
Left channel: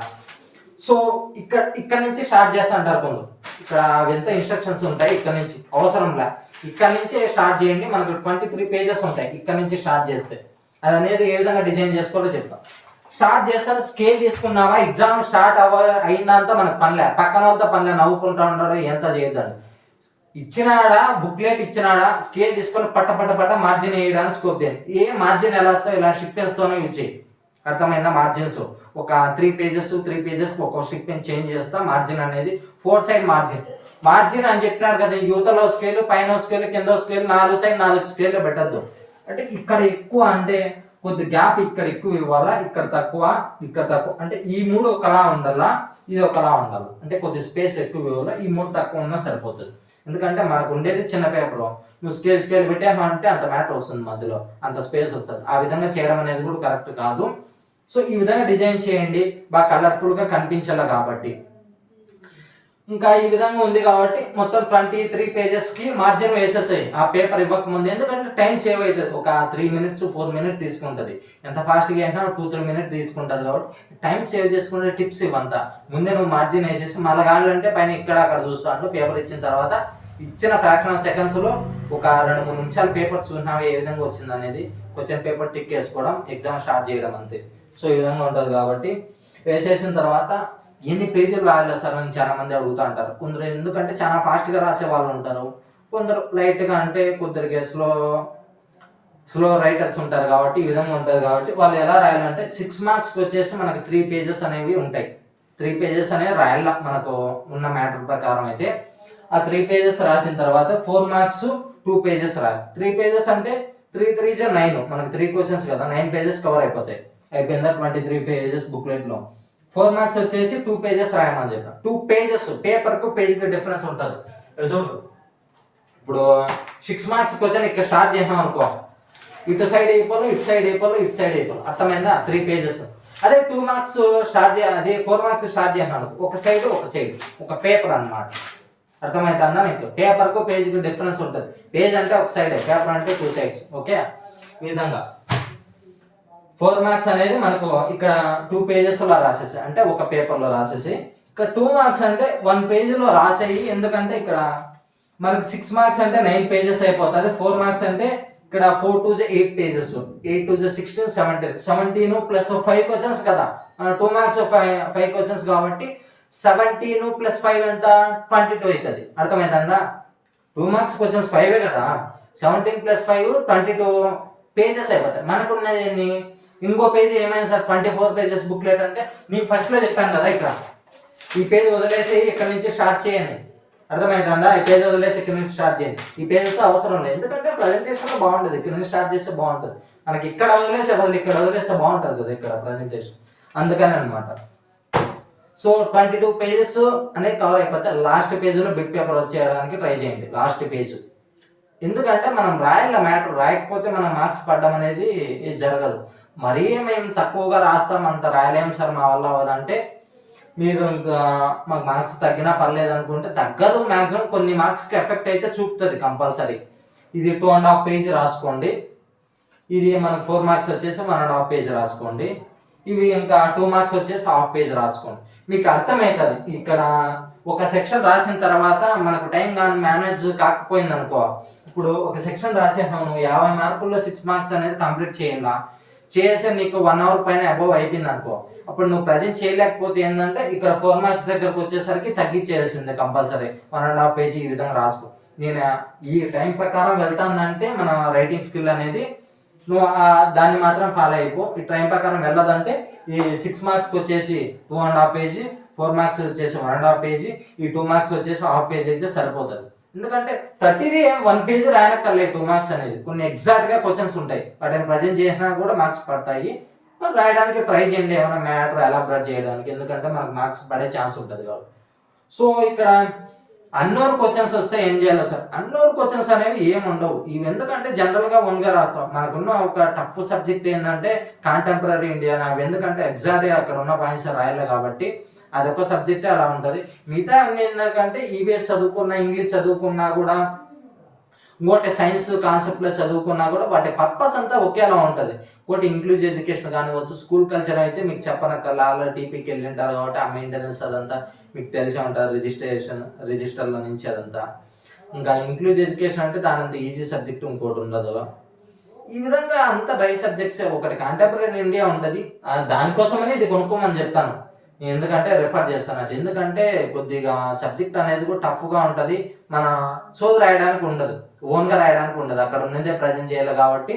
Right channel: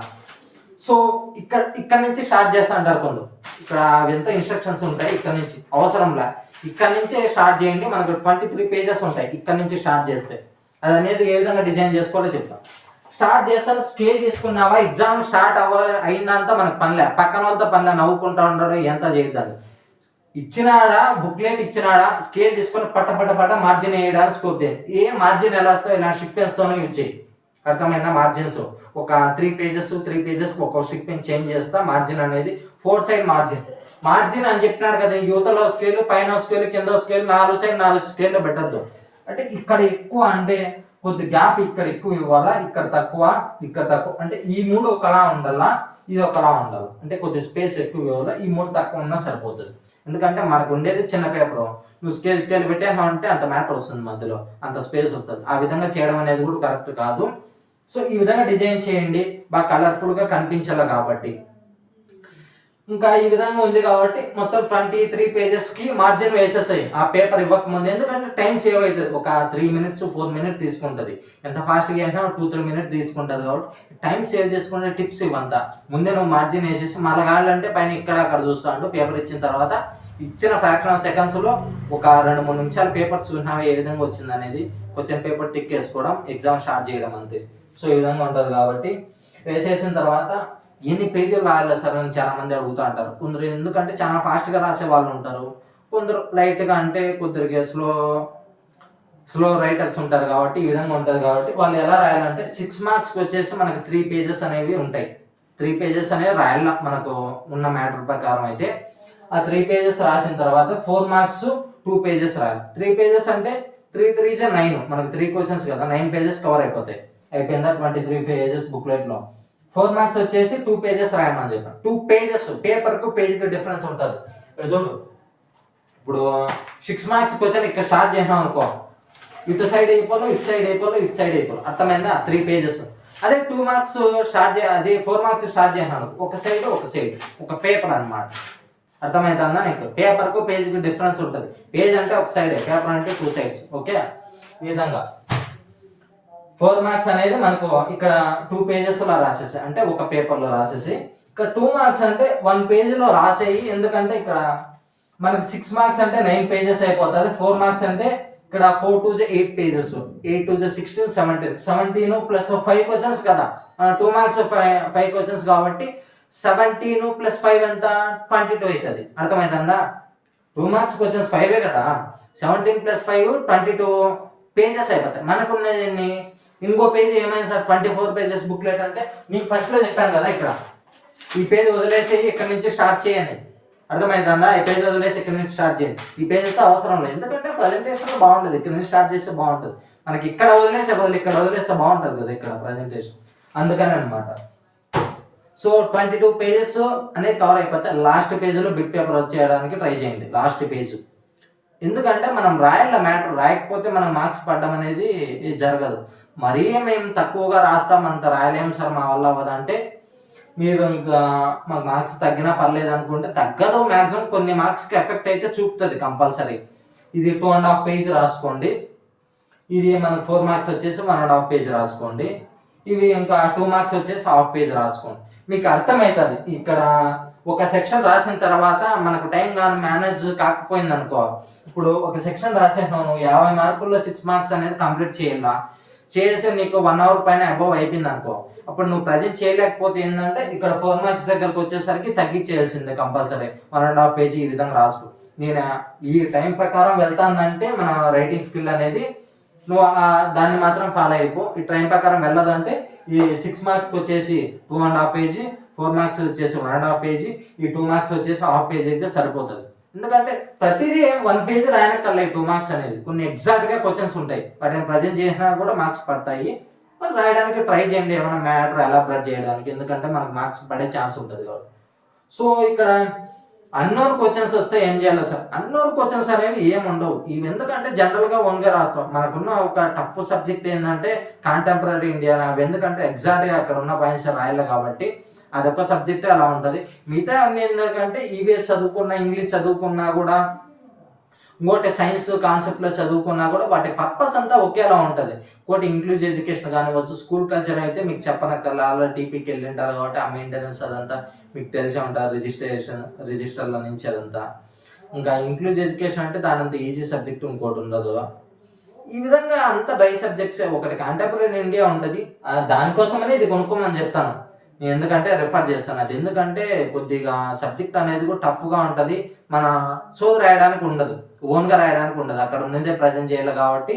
సో ఇక్కడ నుంచి స్టార్ట్ చేస్తా అంటారు కొందరు, ఇక్కడ ఎంత ఇన్స్ట్రక్షన్స్ ఉంటాయి, ఇక్కడ నుంచి అవసరంలా, ఇక్కడ నుంచే స్టార్ట్ చేయండి. మనకు 23 pages ఉంటాయి, ఇక్కడ నుంచి స్టార్ట్ చేస్తే అది అనేది ఏ విధంగా డిజైన్ చేసుకోవాలో చెప్తాం. స్టార్ట్ చేస్తాను, స్కేల్ చేసుకున్నావా, ఎగ్జామ్ స్టార్ట్ అయిందంతా మనకు పనిలే, పక్కన వాళ్ళతో పనిలే, నవ్వుకుంటా ఉంటాడు, ఎంత చేయొద్దండి. ఇచ్చినాడా బుక్లెట్ ఇచ్చినాడా, స్కేల్ తీసుకొని పట్ట మార్జిన్ వేయడానికి స్కోప్ చేయండి. ఏ మార్జిన్ ఎలా వస్తావు, ఇలా షిప్పెన్స్తోనే యూజ్ చేయి. అర్థమైందా? మార్జిన్స్ ఒక 3 pages ఒక స్టిక్ పెన్ చేంజ్ చేస్తా. మార్జిన్ అనేది 4 side మార్జిన్ అని చెప్పినాడు కదా, యువతలో స్కేల్, పైన స్కేల్, కింద స్కేల్, 4 side 4 స్కేల్లో పెట్టద్దు. అంటే ఇక్కడ ఎక్కువ అంటే కొద్ది గ్యాప్ ఇక్కడ ఎక్కువ ఇవ్వాలా, ఇక్కడ తక్కువ అంటే ఈ 3 ఒకలా ఉండాలా, ఇది ఒకలా ఉండాలి. అంటే కొద్ది స్పేస్ ఎక్కువ ఇవ్వాలా, ఈ 3 తక్కువ ఉన్నా సరిపోతుంది. ఎందుకంటే మనకు ఉండేది చిన్న పేపర్, నువ్వు స్కేల్ పెట్టాను అంటే అంత మ్యాటర్ వస్తుంది, మధ్యలో అంత స్పేస్ వస్తుంది. ఆ విధంగా చేయడం అనేది కూడా కరెక్ట్ కాదు. సో ఈ విధంగా డిజైన్ చేయండి, బాగా కలర్ఫుల్గా కనిపించాలి కాబట్టి. ఇంకా ఈ విధంగా ఉంది కాబట్టి మొత్తం 23 pagesకి మార్జిన్ వేసేసాయి ఆ పేపర్ ఇవ్వకముందు. ఎందుకంటే టైం సేవ్ అవుతుంది, ఒక 3 minutes 4 minutes తీసుకుంటుంది. ఎంత ఫాస్ట్గా అయినా 2-3 minutes తీసుకుంటుంది కాబట్టి టైం సేవ్ చేసుకునే టిప్స్ ఇవంతా. ముందే నువ్వు మార్జిన్ వేసేసి మళ్ళీ కావాలంటే పైన ఇక్కడ అక్కడ చూస్తా అంటూ పేపర్ ఇచ్చిన తర్వాత ఇచ్చిన ఫ్రాక్షన్ ఆఫ్ సెకండ్స్లో ఒక 2-3 నిమిషాలు పేపర్ చూసినావు ఏ విధంగా వచ్చింది అనేది, క్వశ్చన్ పేపర్ టిక్ వేసుకోవడం, ఎగ్జామ్ స్టార్ట్ చేయడం అంతే. సో ఈ విధంగా ఉంటుంది కాబట్టి వేసేసిన తర్వాత ఎన్ని పేజీలు రాయాలి సార్ అని చాలామంది అడుగుతూ అంటారు. కొందరు ఎందుకంటే చాలా ఫాస్ట్గా రాసే వాళ్ళు ఉంటారు, కొందరు లైట్గా అంటే కొందరికి స్లో రైటర్స్ ఉంటారు కాబట్టి ఈ విధంగా ఉంటుంది. కాబట్టి వాళ్ళు ఎలా రాయాలంటే 6 marksకి వచ్చేసి మనకి 3 pages అనేవి ఉంటాయి. 3 pages అనేవి రాయాల మనకు ఉన్న మ్యాటర్ ప్రకారం. అయితే ఆ 3 pages రాసిన తర్వాత 4 marks 2 pages రాయాలి. 3 pages అంటే 3 3 9, మనకు 3 questions కదా, 9 pages కవర్ అయిపోతాయి. అయిపోయిందా 23 pages బుక్లెట్లో. 4 మార్క్స్ వచ్చేసి 2 పేజెస్ రాయమని చెప్పాను. 2 పేజెస్, పేపర్కు పేజ్కి డిఫరెన్స్ ఉంటుంది. చూడు, ఇప్పుడు 6 మార్క్స్ క్వశ్చన్ ఇక్కడ స్టార్ట్ చేసినాం అనుకో, ఇటు సైడ్ అయిపోవాలి, ఇటు సైడ్ అయిపోవాలి, ఇటు సైడ్ అయిపోవాలి, అర్థమైందా? 3 పేజెస్. అదే 2 మార్క్స్ స్టార్ట్ అదే 4 మార్క్స్ స్టార్ట్ చేసినాను, ఒక సైడ్ ఒక పేపర్ అనమాట. అర్థమవుతుందా నీకు? పేపర్కు పేజ్కి డిఫరెన్స్ ఉంటుంది. పేజ్ అంటే ఒక సైడే, పేపర్ అంటే 2 సైడ్స్. ఓకే, ఈ విధంగా 4 మార్క్స్ అనేది మనకు ఇక్కడ 2 పేజెస్లో రాసేసి, అంటే ఒక పేపర్లో రాసేసి, ఇక్కడ 2 మార్క్స్ అంటే 1 పేజీలో రాసేయి. ఎందుకంటే ఇక్కడ మనకు 6 మార్క్స్ అంటే 9 పేజెస్ అయిపోతుంది. 4 మార్క్స్ అంటే ఇక్కడ 4 2 8 పేజెస్, 8 2 16 17 ప్లస్ 5 క్వశ్చన్స్ కదా. 2 మార్క్స్ 5 క్వశ్చన్స్ కాబట్టి 17 ప్లస్ 5 ఎంత? 22 అవుతుంది. అర్థమవుతుందా? 2 మార్క్స్ క్వశ్చన్స్ 5 కదా, 17 ప్లస్ 5 22 పేజెస్ అయిపోతాయి. మనకున్నది ఇంకో పేజ్ ఏమైనా సార్ 24 పేజెస్ బుక్లెట్ అంటే, నీకు ఫస్ట్లో చెప్పాను కదా, ఇక్కడ ఈ పేజ్ వదిలేసి ఇక్కడ నుంచి స్టార్ట్ చేయండి. అర్థమవుతుందా? ఈ పేజ్ వదిలేసి ఇక్కడ నుంచి స్టార్ట్ చేయండి. ఈ పేజ్తో అవసరం లేదు, ఎందుకంటే ప్రజెంటేషన్లో బాగుంటుంది. ఇక్కడ నుంచి స్టార్ట్ చేస్తే బాగుంటుంది. మనకి ఇక్కడ ఇక్కడ వదిలేస్తే బాగుంటుంది కదా ఇక్కడ ప్రజెంటేషన్, అందుకని అనమాట. సో 22 పేజెస్ అనేది కవర్ అయిపోతే లాస్ట్ పేజ్లో బిట్ పేపర్ వచ్చేయడానికి ట్రై చేయండి. లాస్ట్ పేజ్, ఎందుకంటే మనం రాయాల మ్యాటర్, రాయకపోతే మనం మార్క్స్ పడడం అనేది జరగదు. మరీ మేము తక్కువగా రాస్తాం, అంత రాయలేము సార్ మా వల్ల అవ్వదంటే, మీరు ఇంకా మాకు మార్క్స్ తగ్గినా పర్లేదు అనుకుంటే తగ్గదు. మ్యాక్సిమం కొన్ని మార్క్స్కి ఎఫెక్ట్ అయితే చూపుతుంది కంపల్సరీ. ఇది 2.5 పేజ్ రాసుకోండి. ఇది మనకు 4 మార్క్స్ వచ్చేసి 1.5 పేజ్ రాసుకోండి. ఇవి ఇంకా 2 మార్క్స్ వచ్చేసి 1/2 పేజ్ రాసుకోండి. మీకు అర్థమవుతుంది. ఇక్కడ ఒక సెక్షన్ రాసిన తర్వాత మనకు టైం కానీ మేనేజ్ కాకపోయింది అనుకో, ఇప్పుడు ఒక సెక్షన్ రాసేసాను 50 మార్కుల్లో 6 మార్క్స్ అనేది కంప్లీట్ చేయాలా, చేసి నీకు 1 అవర్ పైన అబోవ్ అయిపోయింది అనుకో, అప్పుడు నువ్వు ప్రజెంట్ చేయలేకపోతే ఏంటంటే ఇక్కడ 4 మార్క్స్ దగ్గరకు వచ్చేసరికి తగ్గించేయాల్సిందే కంపల్సరీ. 1.5 పేజీ ఈ విధంగా రాసుకో. నేను ఈ టైం ప్రకారం వెళ్తానంటే మన రైటింగ్ స్కిల్ అనేది నువ్వు దాన్ని మాత్రం ఫాలో అయిపో. ఈ టైం ప్రకారం వెళ్ళదంటే ఈ 6 మార్క్స్కి వచ్చేసి 2.5 పేజీ, 4 మార్క్స్ వచ్చేసి 1.5 పేజీ, ఈ 2 మార్క్స్ వచ్చేసి 1/2 పేజీ అయితే సరిపోతుంది. ఎందుకంటే ప్రతిదీ 1 పేజీ రాయనక్కర్లే. 2 మార్క్స్ అనేది కొన్ని ఎగ్జాక్ట్గా క్వశ్చన్స్ ఉంటాయి, వాటిని ప్రజెంట్ చేసినా కూడా మార్క్స్ పడతాయి. రాయడానికి ట్రై చేయండి, ఏమైనా మ్యాటర్ ఎలాబరేట్ చేయడానికి, ఎందుకంటే మనకు మార్క్స్ పడే ఛాన్స్ ఉంటుంది కాబట్టి. సో ఇక్కడ అన్నోన్ క్వశ్చన్స్ వస్తే ఏం చేయాలి సార్? అన్నోన్ క్వశ్చన్స్ అనేవి ఏముండవు. ఇవి ఎందుకంటే జనరల్గా ఓన్గా రాస్తాం. మనకున్న ఒక టఫ్ సబ్జెక్ట్ ఏంటంటే కాంటెంపరీ ఇండియా. అవి ఎందుకంటే ఎగ్జాక్ట్గా అక్కడ ఉన్న పాయింట్స్ రాయాలి కాబట్టి అదొక సబ్జెక్టే అలా ఉంటుంది. మిగతా అన్ని ఎందుకంటే ఈవీఎస్ చదువుకున్నా, ఇంగ్లీష్ చదువుకున్నా కూడా, ఇంకోటి సైన్స్ కాన్సెప్ట్లో చదువుకున్నా కూడా వాటి పర్పస్ అంతా ఒకేలా ఉంటుంది. ఇంకోటి ఇంక్లూజివ్ ఎడ్యుకేషన్ కానివచ్చు, స్కూల్ కల్చర్ అయితే మీకు చెప్పనక్కర్లా, ఆల్రెడీ టీపీకి వెళ్ళి ఉంటారు కాబట్టి ఆ మెయింటెనెన్స్ అదంతా మీకు తెలిసే ఉంటారు, రిజిస్టర్ల నుంచి అదంతా. ఇంకా ఇంక్లూజివ్ ఎడ్యుకేషన్ అంటే దాని అంత ఈజీ సబ్జెక్ట్ ఇంకోటి ఉండదు. ఈ విధంగా అంత డ్రై సబ్జెక్ట్స్. ఒకటి కాంటెంపరీ ఇండియా ఉంటుంది, దానికోసమని ఇది కొనుక్కోమని చెప్తాను నేను, ఎందుకంటే రెఫర్ చేస్తాను అది. ఎందుకంటే కొద్దిగా సబ్జెక్ట్ అనేది కూడా టఫ్గా ఉంటుంది, మన సోది రాయడానికి ఉండదు, ఓన్గా రాయడానికి ఉండదు, అక్కడ ఉన్నదే ప్రజెంట్ చేయాలి కాబట్టి.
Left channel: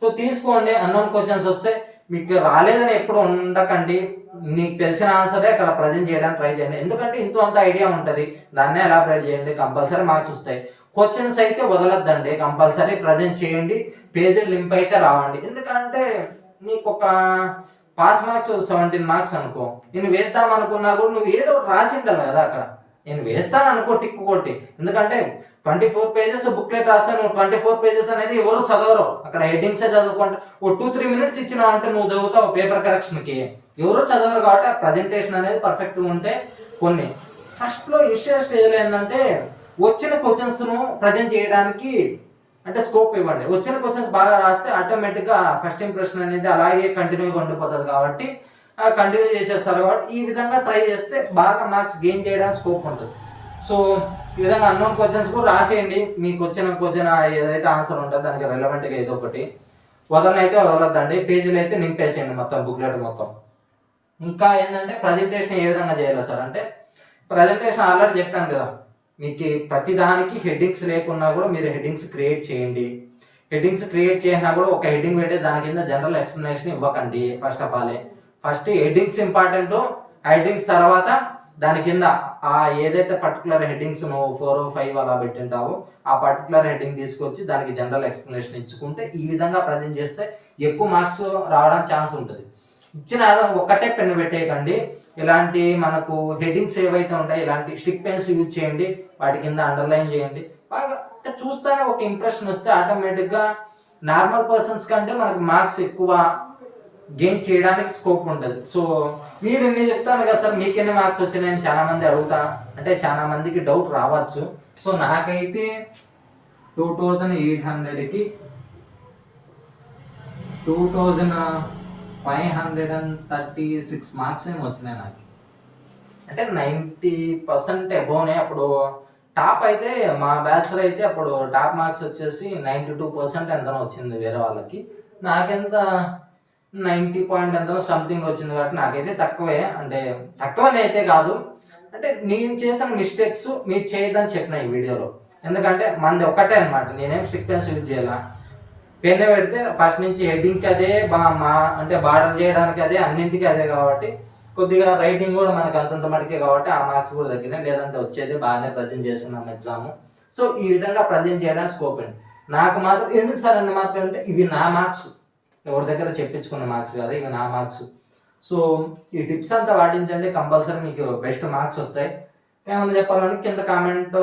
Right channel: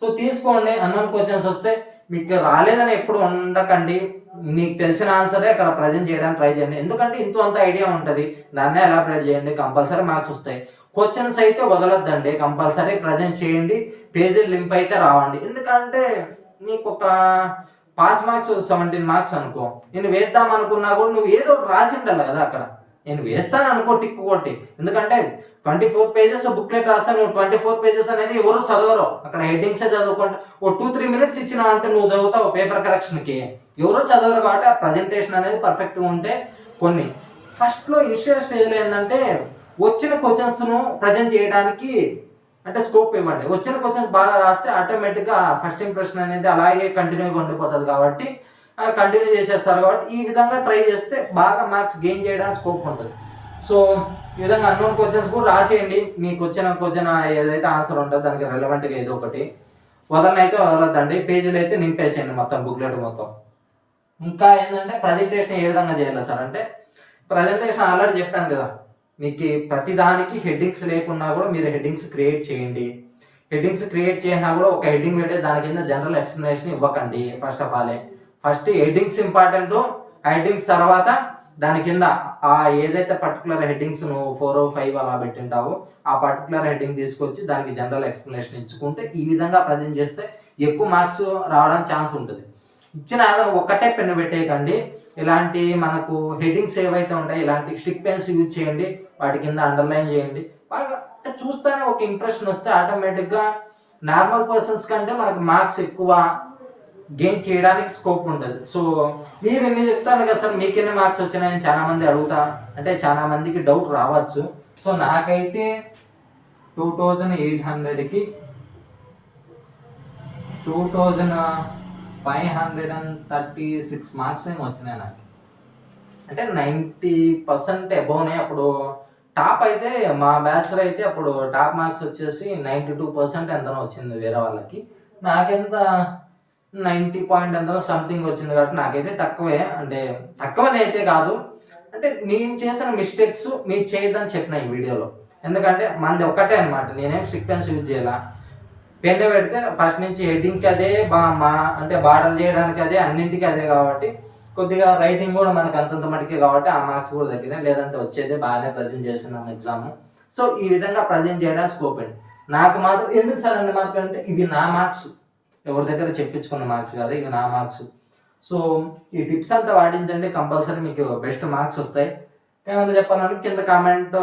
సో తీసుకోండి. అన్నోన్ క్వశ్చన్స్ వస్తే మీకు రాలేదని ఎప్పుడు ఉండకండి, నీకు తెలిసిన ఆన్సరే అక్కడ ప్రజెంట్ చేయడానికి ట్రై చేయండి. ఎందుకంటే ఇంతో అంత ఐడియా ఉంటుంది, దాన్నే ఎలాబరేట్ చేయండి, కంపల్సరీ మార్క్స్ వస్తాయి. క్వశ్చన్స్ అయితే వదలొద్దండి, కంపల్సరీ ప్రజెంట్ చేయండి, పేజీలు లింప్ అయితే రావండి. ఎందుకంటే నీకు ఒక పాస్ మార్క్స్ 17 మార్క్స్ అనుకో, నేను వేద్దాం అనుకున్నా కూడా నువ్వు ఏదో రాసి ఉండాలి కదా అక్కడ. నేను వేస్తాను అనుకో టిక్కు కొట్టి, ఎందుకంటే 24 పేజెస్ బుక్లెట్ రాస్తే నువ్వు 24 పేజెస్ అనేది ఎవరు చదవరు, అక్కడ హెడ్డింగ్సే చదువుకుంటే ఓ 2-3 మినిట్స్ ఇచ్చినావు అంటే నువ్వు చదువుతావు పేపర్ కరెక్షన్కి, ఎవరో చదవరు కాబట్టి ఆ ప్రజెంటేషన్ అనేది పర్ఫెక్ట్గా ఉంటే. కొన్ని ఫస్ట్లో ఇనిషియల్ స్టేజ్లో ఏంటంటే వచ్చిన క్వశ్చన్స్ను ప్రజెంట్ చేయడానికి అంటే స్కోప్ ఇవ్వండి. వచ్చిన క్వశ్చన్స్ బాగా రాస్తే ఆటోమేటిక్గా ఫస్ట్ ఇంప్రెషన్ అనేది అలాగే కంటిన్యూగా ఉండిపోతుంది కాబట్టి కంటిన్యూ చేసేస్తారు. కాబట్టి ఈ విధంగా ట్రై చేస్తే బాగా మార్క్స్ గెయిన్ చేయడానికి స్కోప్ ఉంటుంది. సో ఈ విధంగా అన్నోన్ క్వశ్చన్స్ కూడా రాసేయండి. మీకు వచ్చిన క్వశ్చన్ ఏదైతే ఆన్సర్ ఉంటుందో దానికి రెలవెంట్గా ఏదో ఒకటి, వదలనైతే వదలొద్దండి, పేజీలు అయితే నింపేసేయండి మొత్తం బుక్లెట్ మొత్తం. ఇంకా ఏంటంటే ప్రజెంటేషన్ ఏ విధంగా చేయాలి సార్ అంటే, ప్రజెంటేషన్ ఆల్రెడీ చెప్పాను కదా, మీకు ప్రతి దానికి హెడ్డింగ్స్ లేకున్నా కూడా మీరు హెడ్డింగ్స్ క్రియేట్ చేయండి. హెడ్డింగ్స్ క్రియేట్ చేసినా కూడా ఒక హెడ్డింగ్ పెట్టే దాని కింద జనరల్ ఎక్స్ప్లెనేషన్ ఇవ్వకండి. First of all first headings important, headings తర్వాత దాని కింద ఆ ఏదైతే పర్టికులర్ హెడ్డింగ్స్ నువ్వు 4 or 5 అలా పెట్టింటావో ఆ పర్టికులర్ హెడ్డింగ్ తీసుకొచ్చి దానికి జనరల్ ఎక్స్ప్లెనేషన్ ఇచ్చుకుంటే ఈ విధంగా ప్రజెంట్ చేస్తే ఎక్కువ మార్క్స్ రావడానికి ఛాన్స్ ఉంటుంది. ఇచ్చిన ఒక్కటే పెన్ను పెట్టేయకండి. ఇలాంటి మనకు హెడ్డింగ్స్ ఏవైతే ఉంటాయి ఇలాంటి స్టిక్ పెన్స్ యూజ్ చేయండి, వాటి కింద అండర్లైన్ చేయండి. బాగా చూస్తేనే ఒక ఇంప్రెషన్ వస్తే ఆటోమేటిక్గా నార్మల్ పర్సన్స్ కంటే మనకు మార్క్స్ ఎక్కువ గెయిన్ చేయడానికి స్కోప్ ఉంటుంది. సో మీరు ఎన్ని చెప్తాను కదా సార్ మీకు ఎన్ని మార్క్స్ వచ్చినాయని చాలామంది అడుగుతా, అంటే చాలామందికి డౌట్ రావచ్చు. సో నాకైతే 2800కి 2536 మార్క్స్ ఏమి వచ్చినాయి నాకు. అంటే 90% అబోనే. అప్పుడు టాప్ అయితే మా బ్యాచ్లో అయితే అప్పుడు టాప్ మార్క్స్ వచ్చేసి 92% ఎంతనో వచ్చింది వేరే వాళ్ళకి. నాకెంత 90 పాయింట్ ఎంతనో సంథింగ్ వచ్చింది. కాబట్టి నాకైతే తక్కువే, అంటే తక్కువనే అయితే కాదు, అంటే నేను చేసిన మిస్టేక్స్ మీరు చేయొద్దని చెప్పిన ఈ వీడియోలో. ఎందుకంటే మనది ఒక్కటే అనమాట, నేనేం స్టిక్ పెన్స్ యూజ్ చేయాల. పెన్ను పెడితే ఫస్ట్ నుంచి హెడ్డింగ్కి అదే, అంటే బార్డర్ చేయడానికి అదే, అన్నింటికి అదే. కాబట్టి కొద్దిగా రైటింగ్ కూడా మనకు అంతంత మటుకే కాబట్టి ఆ మార్క్స్ కూడా తగ్గినాయి. లేదంటే వచ్చేది బాగానే ప్రజెంట్ చేస్తున్నాను ఎగ్జామ్. సో ఈ విధంగా ప్రజెంట్ చేయడానికి స్కోప్ అండి. నాకు మాత్రం ఎందుకు సార్ అన్ని మార్కులు అంటే ఇవి నా మార్క్స్, ఎవరి దగ్గర చెప్పించుకున్న మార్క్స్ కాదు, ఇవి నా మార్క్స్. సో ఈ టిప్స్ అంతా పాటించండి, కంపల్సరీ మీకు బెస్ట్ మార్క్స్ వస్తాయి. ఏమైనా చెప్పాలంటే కింద కామెంట్లో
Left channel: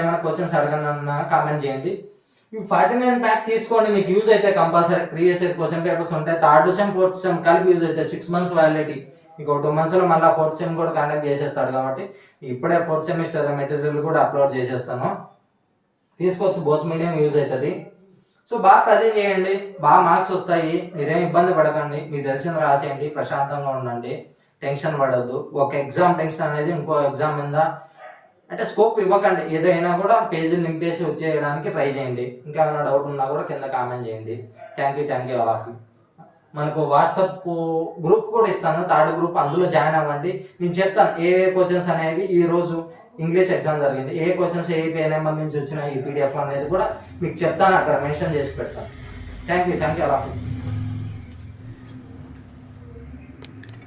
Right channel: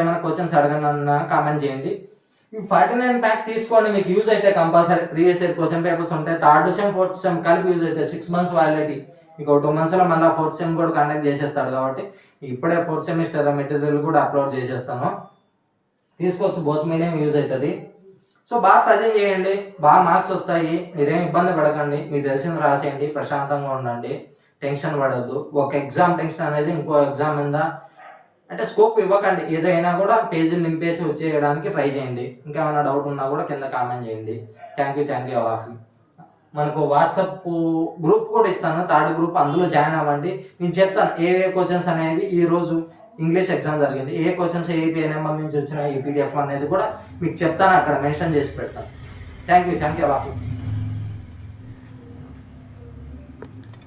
ఏమైనా క్వశ్చన్స్ అడగనన్నా కామెంట్ చేయండి. ఈ 49 ప్యాక్ తీసుకోండి, మీకు యూజ్ అయితే compulsory. Previous year question papers ఉంటాయి, థర్డ్ సెమ్ ఫోర్త్ సెమ్ కలిపి యూజ్ అవుతాయి. 6 months వ్యాలిడిటీ, మీకు 2 monthsలో మళ్ళీ ఫోర్త్ సెమ్ కూడా కండక్ట్ చేసేస్తాడు. కాబట్టి ఇప్పుడే ఫోర్త్ సెమిస్టర్ మెటీరియల్ కూడా అప్లోడ్ చేసేస్తాను, తీసుకోవచ్చు. బోత్ మీడియం యూజ్ అవుతుంది. సో బాగా ప్రజెంట్ చేయండి, బాగా మార్క్స్ వస్తాయి. మీరేం ఇబ్బంది పడకండి, మీకు తెలిసింది రాసేయండి, ప్రశాంతంగా ఉండండి, టెన్షన్ పడద్దు. ఒక ఎగ్జామ్ టెన్షన్ అనేది ఇంకో ఎగ్జామ్ మీద అంటే స్కోప్ ఇవ్వకండి. ఏదైనా కూడా పేజీలు నింపేసి వచ్చేయడానికి ట్రై చేయండి. ఇంకేమైనా డౌట్ ఉన్నా కూడా కింద కామెంట్ చేయండి. Thank you all of you. మనకు వాట్సాప్ గ్రూప్ కూడా ఇస్తాను, థర్డ్ గ్రూప్, అందులో జాయిన్ అవ్వండి. నేను చెప్తాను ఏ క్వశ్చన్స్ అనేవి. ఈరోజు ఇంగ్లీష్ ఎగ్జామ్ జరిగింది, ఏ క్వశ్చన్స్ ఏ PNML నుంచి వచ్చినాయి ఈ PDF అనేది కూడా మీకు చెప్తాను, అక్కడ మెన్షన్ చేసి పెడతాను. Thank you all of you.